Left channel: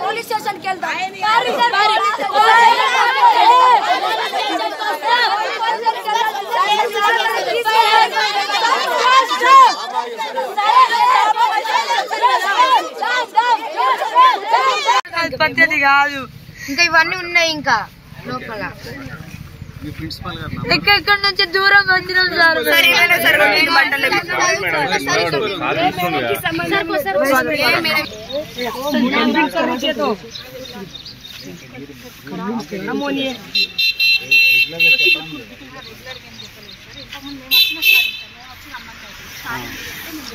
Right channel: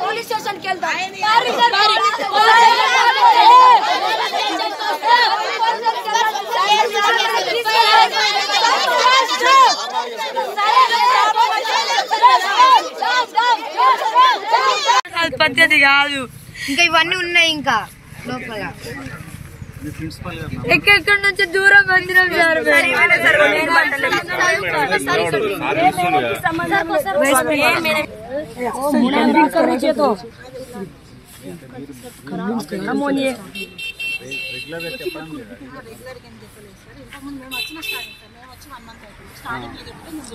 Police station के పద్ధతి కాదు ఇంకా ఇవన్నీ ఉన్నాయి ఇంకా లోపల ఎక్కడి నుంచి దూరం వచ్చినాం సార్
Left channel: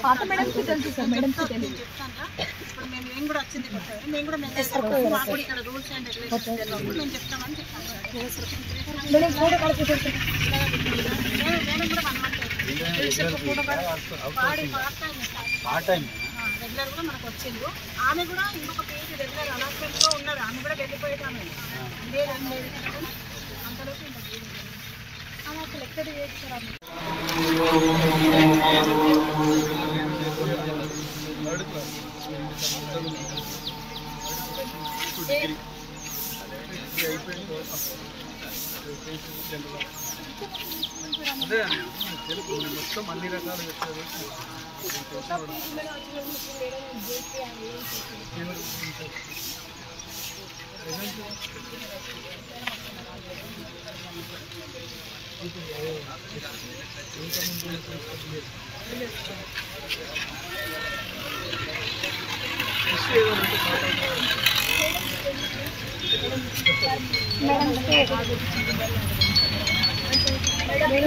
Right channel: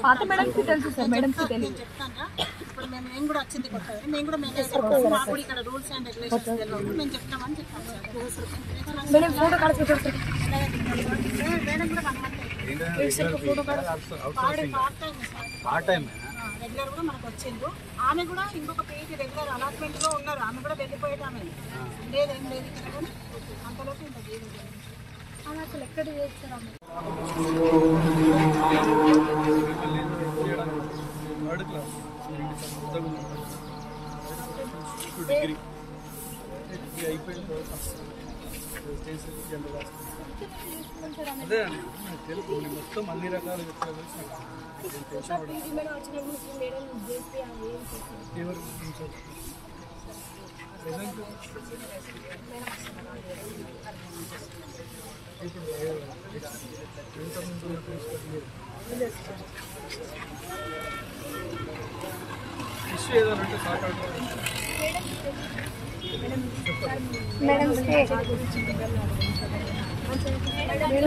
పాత మేడం కి తెలుసు సార్ మేడం కి తెలియదు మేము కూడా వచ్చింది మేము కూడా ఇక్కడ రూల్స్ అండ్ రెగ్యులేషన్స్ నేను చెప్తామని చెప్పాను మేడం ఫోటో కడుపు మేడం కూడా పార్ట్ టైం రెగ్యులర్ కూడా మనకు వచ్చిండు ఆమె కూడా ఇంకొక పేజ్ రెగ్యులర్ అలాట్మెంట్ లో ఉన్నారు ఆమె కూడా వెళ్ళిపోయేటామె లేదని లేదు అంతలోపు ఇంకా ఆమె అసలు ఎక్కడ చేస్తారు అదే మొత్తం అన్ని రకాలు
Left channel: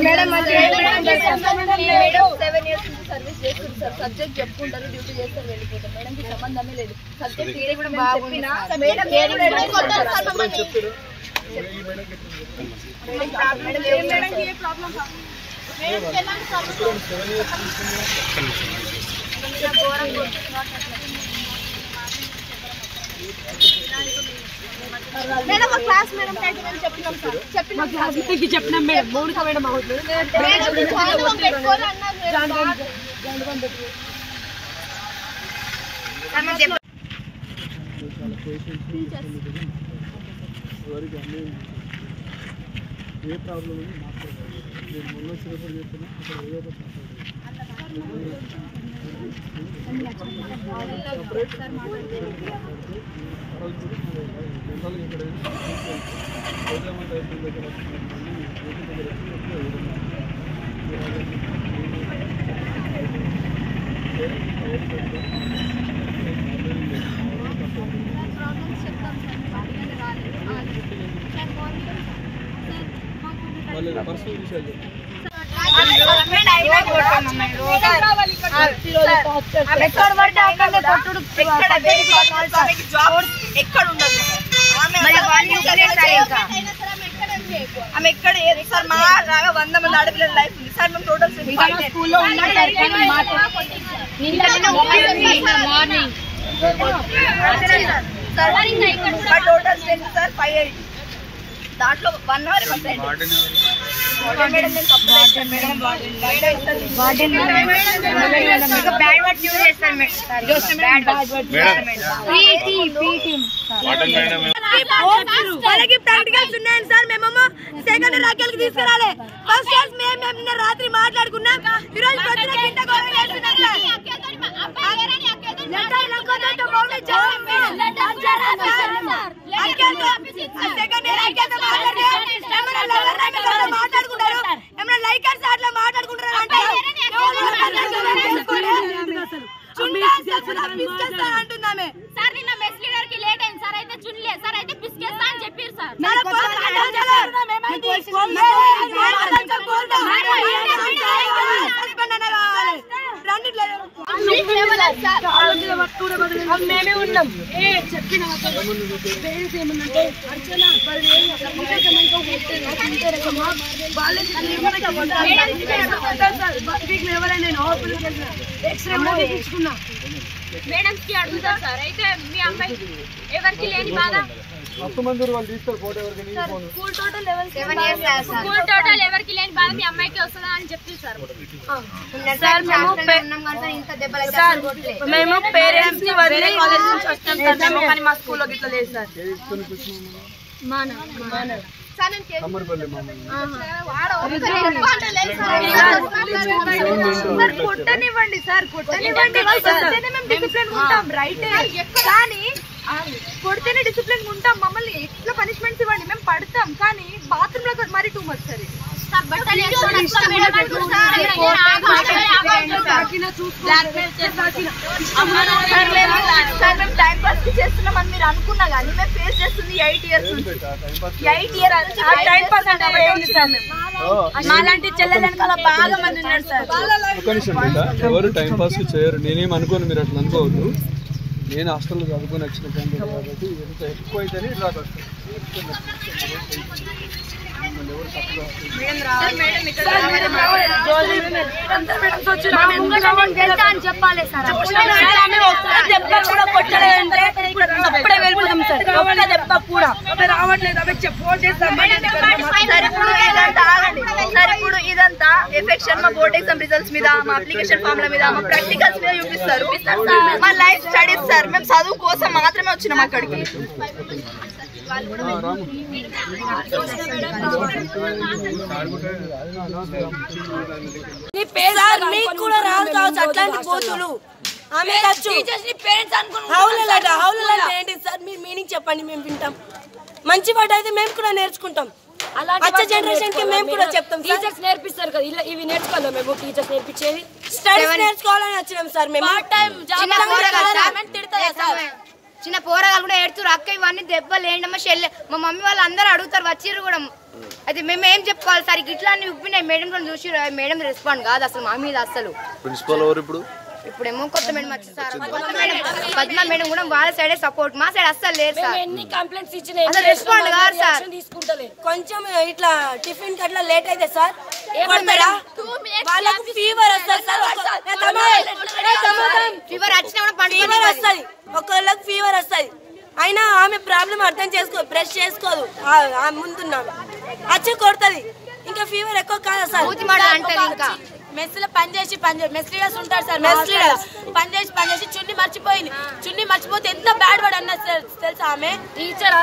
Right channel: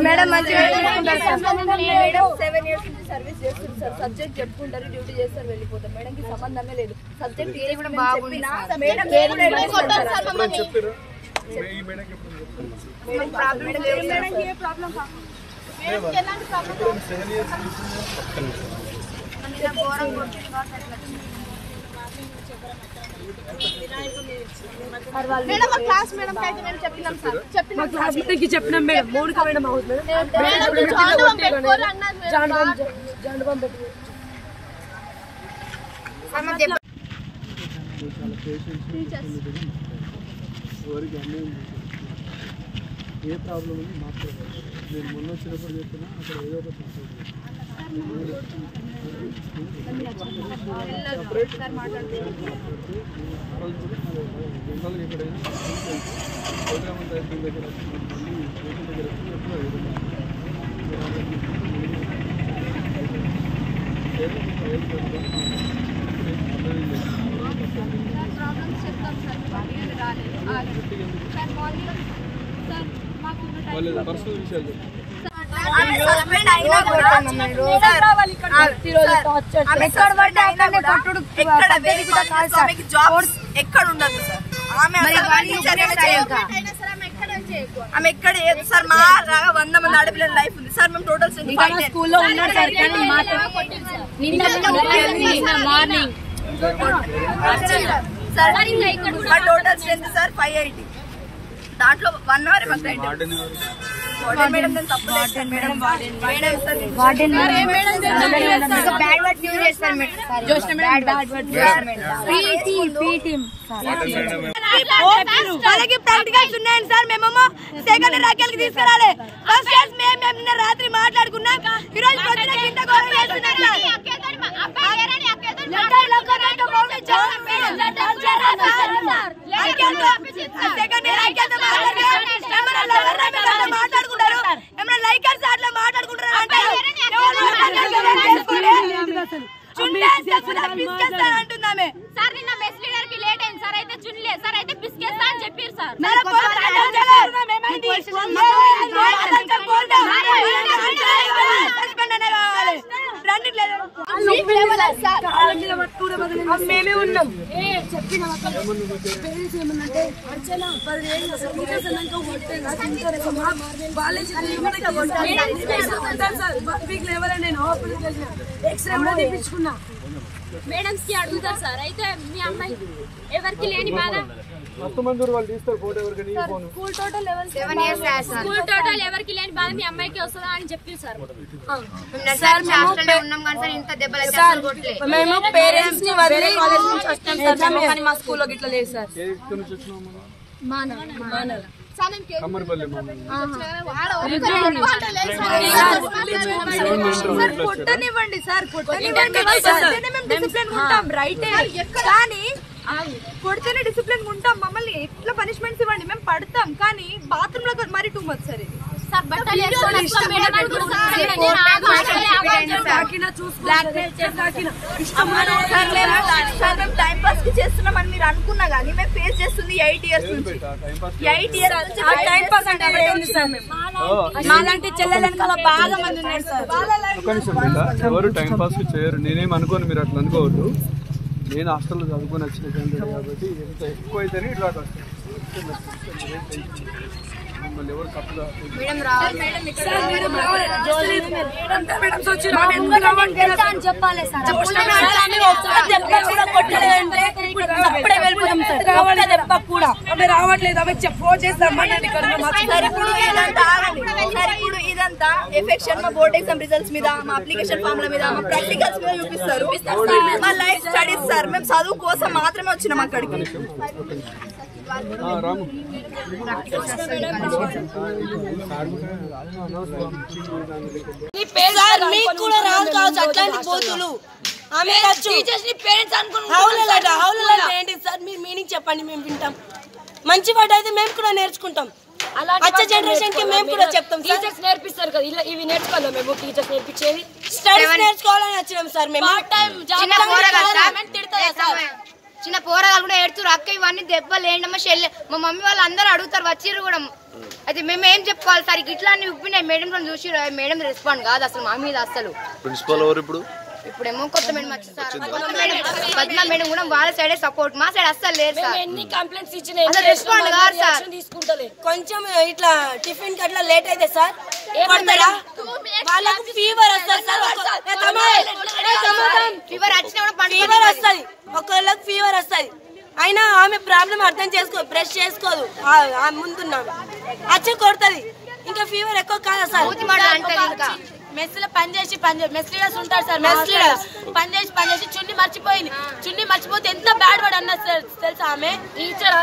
మేడం మంచిగా మేడం 7 years నుంచి సర్వీస్ చేస్తుంది సార్ సబ్జెక్ట్ చెప్పుకుంటారు డ్యూటీ చేస్తారు వెళ్ళిపోతారు మేడం కి సంబంధమే లేదు సబ్జెక్ట్ థియరీ కూడా బాగుంది మేడం చెప్పారు ఈ మేడం మేడం ప్రాబ్లం లేదు మేడం ఏ ప్రాబ్లం మేడం ఎలాంటి ప్రాబ్లం 7 years మేడం ఒక క్లాస్ మేడం టైటిల్ నేను చెప్పినాం సార్ చెప్పిన క్లాస్ కి చెప్పినాం మేడం మౌనిక మేడం అవుతుంది మేడం జాండవం పెట్టుకోవాలి అన్నారు జాండవం పెట్టుకో ఏ ప్రాబ్లం ఉంది మాట్లాడాలి నేను మొన్న వచ్చినప్పుడు చెప్పినా అక్కడ ఏదో ఒకటి పర్సనల్ విషయాలు ఎక్కడ ఉండదు ఆమె ఎక్కడ సార్ మా రాగా 100 మంది ఆడపిల్లల లైఫ్ ఉంది సార్ మేము టోటల్ స్కూల్లో ఉన్నాడు సార్ టోటల్ స్ట్రెంత్ సార్ 580 దాంట్లో 1 అవర్ మేడం నేను తప్పు మేడం ప్రాక్టికల్స్ ఉన్నాయండి సార్ మేమేమో సెకండ్ రాకెల్కి తీసుకురాలి ఫస్ట్ క్లాస్ మేము రాత్రి మాట్లాడుకున్నాం ఈరోజు మాట్లాడుకుంటారు ఏమైనా లైకర్స్ అట్లా మాట్లాడుకుంటారు అంటున్నామే సార్ నిన్న మెస్ లీడర్ కి లేట్ అయింది సార్ అయితే చున్లే సార్ అయితే బిస్కెట్స్ అని చెప్పారు సార్ మేమే ఉన్నాం చెప్పిన పేరెంట్స్ ఏమన్నంటే అర్చన ఎవరైనా ఎక్స్రే కూడా తెప్పించుకున్నా మేడమ్స్ కి అడుగుతారు సార్. అయితే మీ అమ్మాయి ఎవరికి లేని బాధ వాళ్ళు తీస్తారు ఫోటో ఎవరికి స్కూల్ టోటల్ ఎవరికి లేని బాధ మీ అమ్మాయికి వస్తుందా అని చెప్పి సార్. మేము పేరెంట్స్ ని వదిలి కాలేజ్ నుంచి వస్తాం సార్. కానీ మా స్కూల్లో గిట్లా లేదు సార్. కమ్మరిపల్లి కొట్టనివ్వండి సార్, కొట్టనివ్వండి. రైటే కానీ కొడితేనే డిసిప్లిన్ ఉంటాం. మమ్మల్ని ఎట్లా పనిష్మెంట్స్ ఇవ్వండి, మేము పడతాం. కానీ బాత్రూమ్ లో మరి టూ మచ్ సరే టైం పాస్ కి చేస్తున్నామని మీరు అనుకున్నా కానీ మేము ఫేస్ చేస్తుంది 8 years నుంచి. 8 years టైం పాస్ అంటే మాలాంటి చెల్లెలని కదా బాగా మంది ఉన్నారు సార్. ఎవరు టైం పాస్ చేయరు. నేనేం అనుకోను, మీరు అట్లా అనుకోవద్దు. నేను హాస్టల్లో చదువుకొని వచ్చిన క్యాండిడేట్ కాబట్టి ఎంత ఎక్కువ అయితేనే ఇట్లా వస్తాను. మిమ్మల్ని ఎవరు తప్పుగా చెప్పాలి సార్. రావట్లేదు అవి ఫోన్ చేస్తాం. ఇప్పుడు ఇదంతా ఎఫెక్షన్ మా బోర్డ్ ఎగ్జామ్ రిజల్ట్స్ మీద, మా అప్లికేషన్ ఫామ్ల మీద, మా ప్రాక్టికల్స్ మీద చూపిస్తారు. మా లైఫ్ స్టడీస్ సార్. మేము చదువు కోసం మాత్రమే వచ్చినాం అక్కడికి. రాము మీకు కూడా రాదు కావచ్చు అట్లాంటి పోతులు. ఆమె హౌలలాట ఏంటి సార్? మీరు మీనింగ్ చెప్పండి, మేము వింటాం. మంచి మాట అయితే మేము కూడా నేర్చుకుంటాం. వచ్చే జనరేషన్ కి మేము కూడా చెప్తాం. టీచర్స్ నేర్పిస్తారు కదా, ఇవి నేర్చుకోవాలి. మేము టీచర్స్ నేర్పించేది స్టడీస్ నేర్చుకోవాలని వచ్చినాం సార్. మేము చిన్న పోరగాలు కూడా ఏడుతారు, అక్క ఇవన్నీ దెబ్బలు ఏంటమ్మా షెల్. మా మమ్మీ వాళ్ళు అందరూ అడుగుతారు, వచ్చిర్రు కూడా. అయితే మేము ఏం చెప్పుకోవాలి సార్? ఇట్లా అన్ని ఉప్పినాయి. మేడం కూడా చూసి మేడం రెస్పాండ్ కాదు అసలు మా మీద. అసలు ప్రిన్సిపల్ ఎవరు ఇప్పుడేమో కొత్త మేడం వచ్చింది సార్. కొత్త మేడం పద్మ మేడం కూడా వాళ్ళ సైడే సపోర్ట్, మా సైడ్ అస్సలు లేరు సార్. కంప్లైంట్స్ ఇచ్చిన రెస్పాండ్ కాదు సార్. కొంచెం ఇట్లా టిఫిన్ కట్లా లేట్ అయితే సార్ వాళ్ళకు ఫీవర్ వస్తుంది సార్. ఫీవర్ వస్తుంది, ఒకళ్ళకి ఫీవర్ వస్తుంది. అయినా ఆమె ప్రాబ్లం అర్థం బ్రష్ చేసుకోదు. ముందున్నాను అచ్చి కొడుతుంది, ఇంకా ఫీవర్ ఎక్కువ కాదా సార్? మెస్ లో పనిచేసి మెస్ లీడర్స్ ఉంటారు సార్. మెస్ లీడర్స్ పనిచేసి చున్ని మర్చిపోయింది. చున్ని మర్చిపోతే ఎంత బ్యాడ్ వర్డ్ అన్నది తెలుసా? ఆమె టీచర్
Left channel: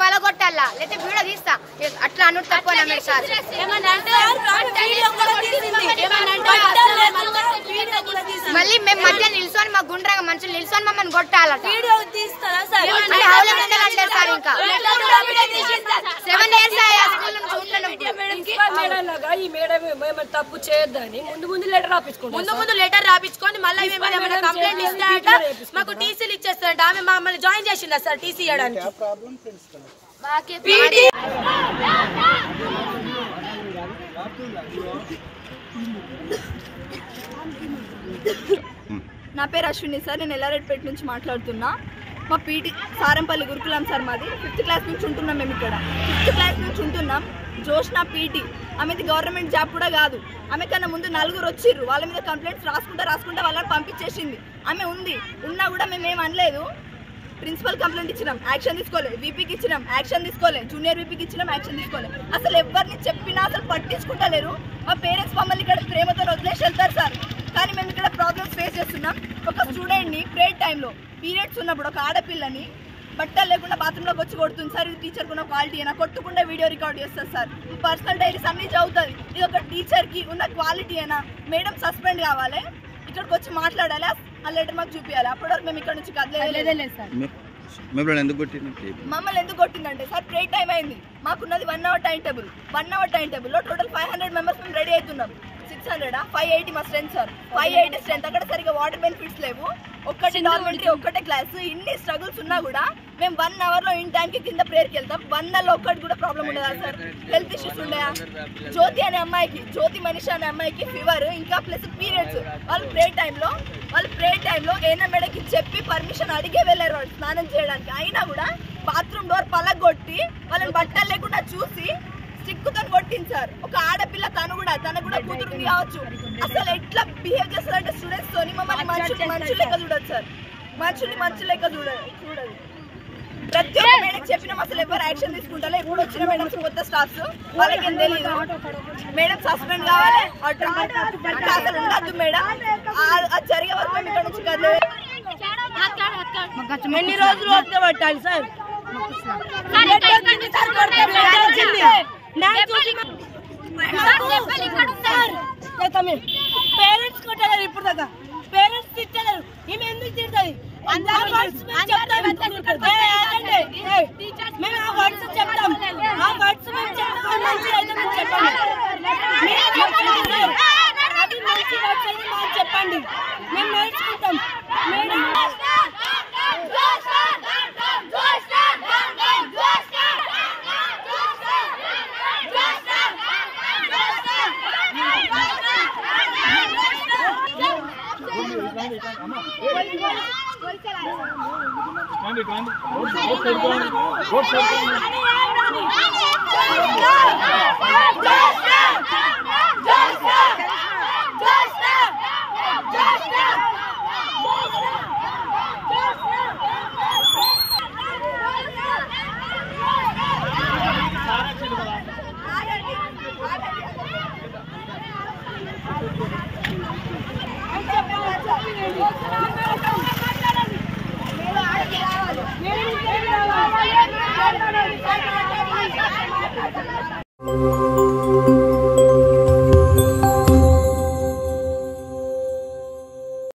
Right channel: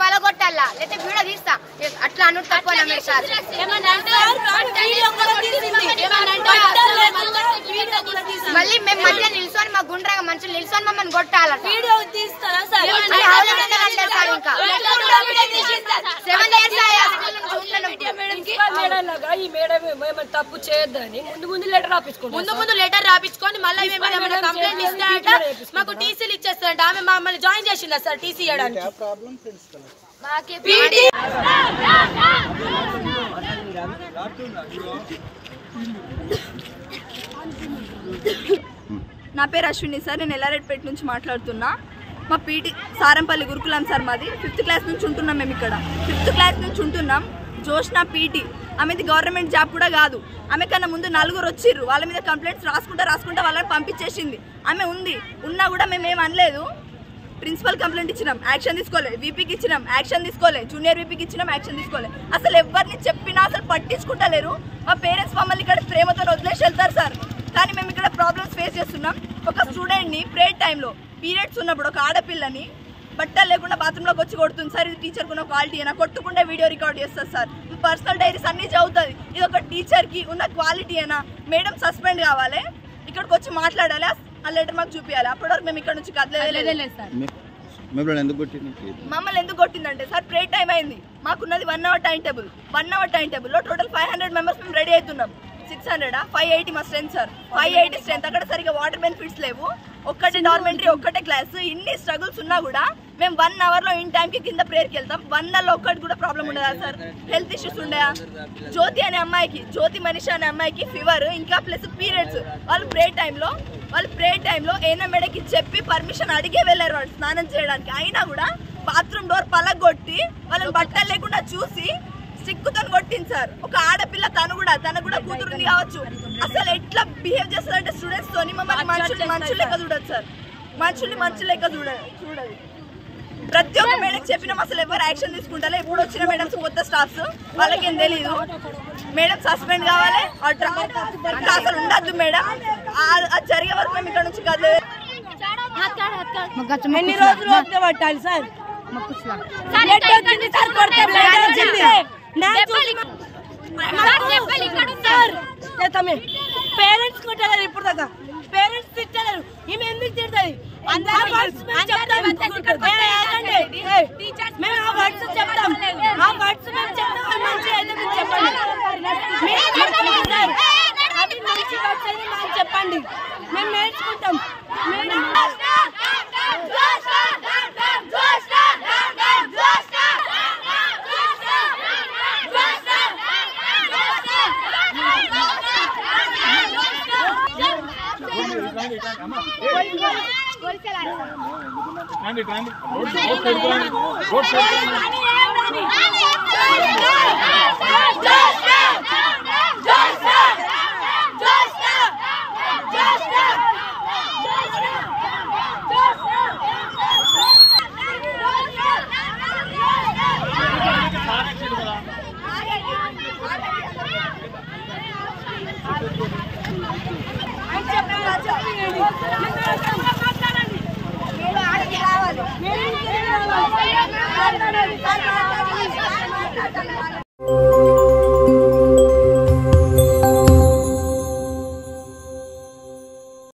పలగొట్టాలా లేకపోతే వీడియో తీస్తా అట్లా అను తప్ప సార్. మళ్ళీ మేము మధ్య నిల్చొని మా గుండ్రగా మంచిగా నిల్చొని మమ్మల్ని కొట్టాల. వీడియో తీస్తారా సార్? ఇంకా 7 years ఈ మేడం తప్పు చేయొద్దని ముందు లెటర్ రాపించుకోండి. మళ్ళీ ఏమైనా కంప్లైంట్ ఇస్తారట, మాకు టీసీలు ఇచ్చేస్తారంట. ఆమె మమ్మల్ని జాయిన్ చేసిందా సార్ టీసీ ఇవ్వడానికి? నా పేరు అశ్విని సార్. నేను ఎల్లారెడ్డిపేట నుంచి మాట్లాడుతున్నా. మా పీటీ సారంపల్లి గురుకులం సార్ మాది. 5th క్లాస్ నుంచి ఉంటున్నాం మేము ఇక్కడ. 5th క్లాస్ నుంచి ఉంటున్నాం. జోష్నా పీటీ ఆమెది గవర్నమెంట్ జాబ్ కూడా కాదు. ఆమె కన్నా ముందు 4 వచ్చిర్రు. వాళ్ళ మీద కంప్లైంట్స్ రాసుకుంటా వాళ్ళని పంపించేసింది. ఆమె ఉన్నా కూడా మేము ఏం అనలేదు. ప్రిన్సిపల్ కంప్లైంట్ ఇచ్చినాం, యాక్షన్ తీసుకోలే. వీపీకి ఇచ్చినాం, యాక్షన్ తీసుకోలే. జూనియర్ వీపీకి ఇచ్చినాం, యాక్షన్ తీసుకోలే. అసలు ఎవరిని చెప్పినా అసలు పట్టించుకుంటలేరు. మా పేరెంట్స్ మమ్మల్ని ఇక్కడ ప్రేమతో వదిలేసి వెళ్తారు సార్. కానీ మేము ఇక్కడ ప్రాబ్లమ్స్ ఫేస్ చేస్తున్నాం. ఒక స్టూడెంట్ని ప్రేయర్ టైంలో పీరియడ్స్ ఉన్నప్పుడు ఒక ఆడపిల్లని బట్టలు లేకుండా బాత్రూంలోకి వచ్చి కొడుతుంది సార్. ఇది టీచర్కి ఉన్న క్వాలిటీ అయినా? కొట్టుకుంటే వీడియో రికార్డ్ చేస్తారు సార్. పర్సనల్ డైరీస్ అన్నీ చదువుతుంది. ఇది ఒక టీచర్కి ఉన్న క్వాలిటీ అయినా? మేడం సస్పెండ్ కావాలి, ఇక్కడికి వచ్చి మాట్లాడాలి, ఆ లెటర్ మాకు చూపించాలి. అప్పటివరకు మేము ఇక్కడ నుంచి కదలేదు సార్. మమ్మల్ని ఎందుకు కొట్టిందంటే సార్ ప్రే టైం అయింది. మాకున్నది 1 hour time table. 1 hour time టేబుల్లో టోటల్ 500 members మేము రెడీ అవుతున్నాం. 600 580 మా స్ట్రెంత్ సార్. 580 స్ట్రెంత్. అక్కడ సరిగా వాటర్ బెనిఫిట్స్ లేవు. ఒక్కటే డార్మెంటరీ, ఒక్కటే క్లాస్. ఇన్ని స్ట్రగుల్స్ ఉన్నా కూడా మేము 1 అవర్లో ఇన్ టైంకి కింద ప్రేయర్కి వెళ్తాం. 1 అవర్లో ఒక్కటి కూడా ప్రాబ్లం ఉండదా సార్? హెల్త్ ఇష్యూస్ ఉండయా? జ్యోతి మనిషి అనే అమ్మాయికి ఫీవర్ ఇంకా ప్లస్ పీరియడ్స్. వాళ్ళు ప్రే టైంలో ఏనా మేడకి చెప్పి పర్మిషన్ అడిగే వెళ్ళారు వాళ్ళు స్నానం చేయడానికి. అయినా కూడా బాత్రూమ్ డోర్ పలగొట్టి వాళ్ళని బట్టలు లేకుండా చూసి స్టిక్కుతో కొట్టింది సార్. ఒక ఆడపిల్ల తను కూడా కూతురుంది కావచ్చు. అసలు ఎట్లా బిహేవ్ చేస్తారంటే స్టూడెంట్స్ తోని మమ్మల్ని మనుషులు లెక్క చూడదు సార్. మనుషులు లెక్క చూడదు. ప్రతి ఒక్క మేడం చెప్పినాం, అసలు ఎవరు యాక్షన్ తీసుకుంటారో. ఇప్పుడు వచ్చిన మేడమ్స్ కొత్త స్టాఫ్స్ వాళ్ళకేం తెలియదు. మేడం సస్పెండ్ కావాలి, అసలు ఉండద్దు మేడం. అది జరిగే వరకు మేము ఇక్కడ నుంచి కదలేదు. ఎన్ని రోజులు వస్తే పట్టాలి సార్? పేరెంట్స్ కొట్టలేరు ఇప్పుడు దాకా, పేరెంట్స్ తిట్టలేరు. ఈమె ఎందుకు తిడుతుంది? మేము ఆ వర్డ్స్ చెప్తాం, మంచి అయితే మీరు చెప్పండి. అది మంచి వర్డ్స్ అయితే మాకు చెప్పండి, మేము నేర్చుకుంటాం. చెప్పండి.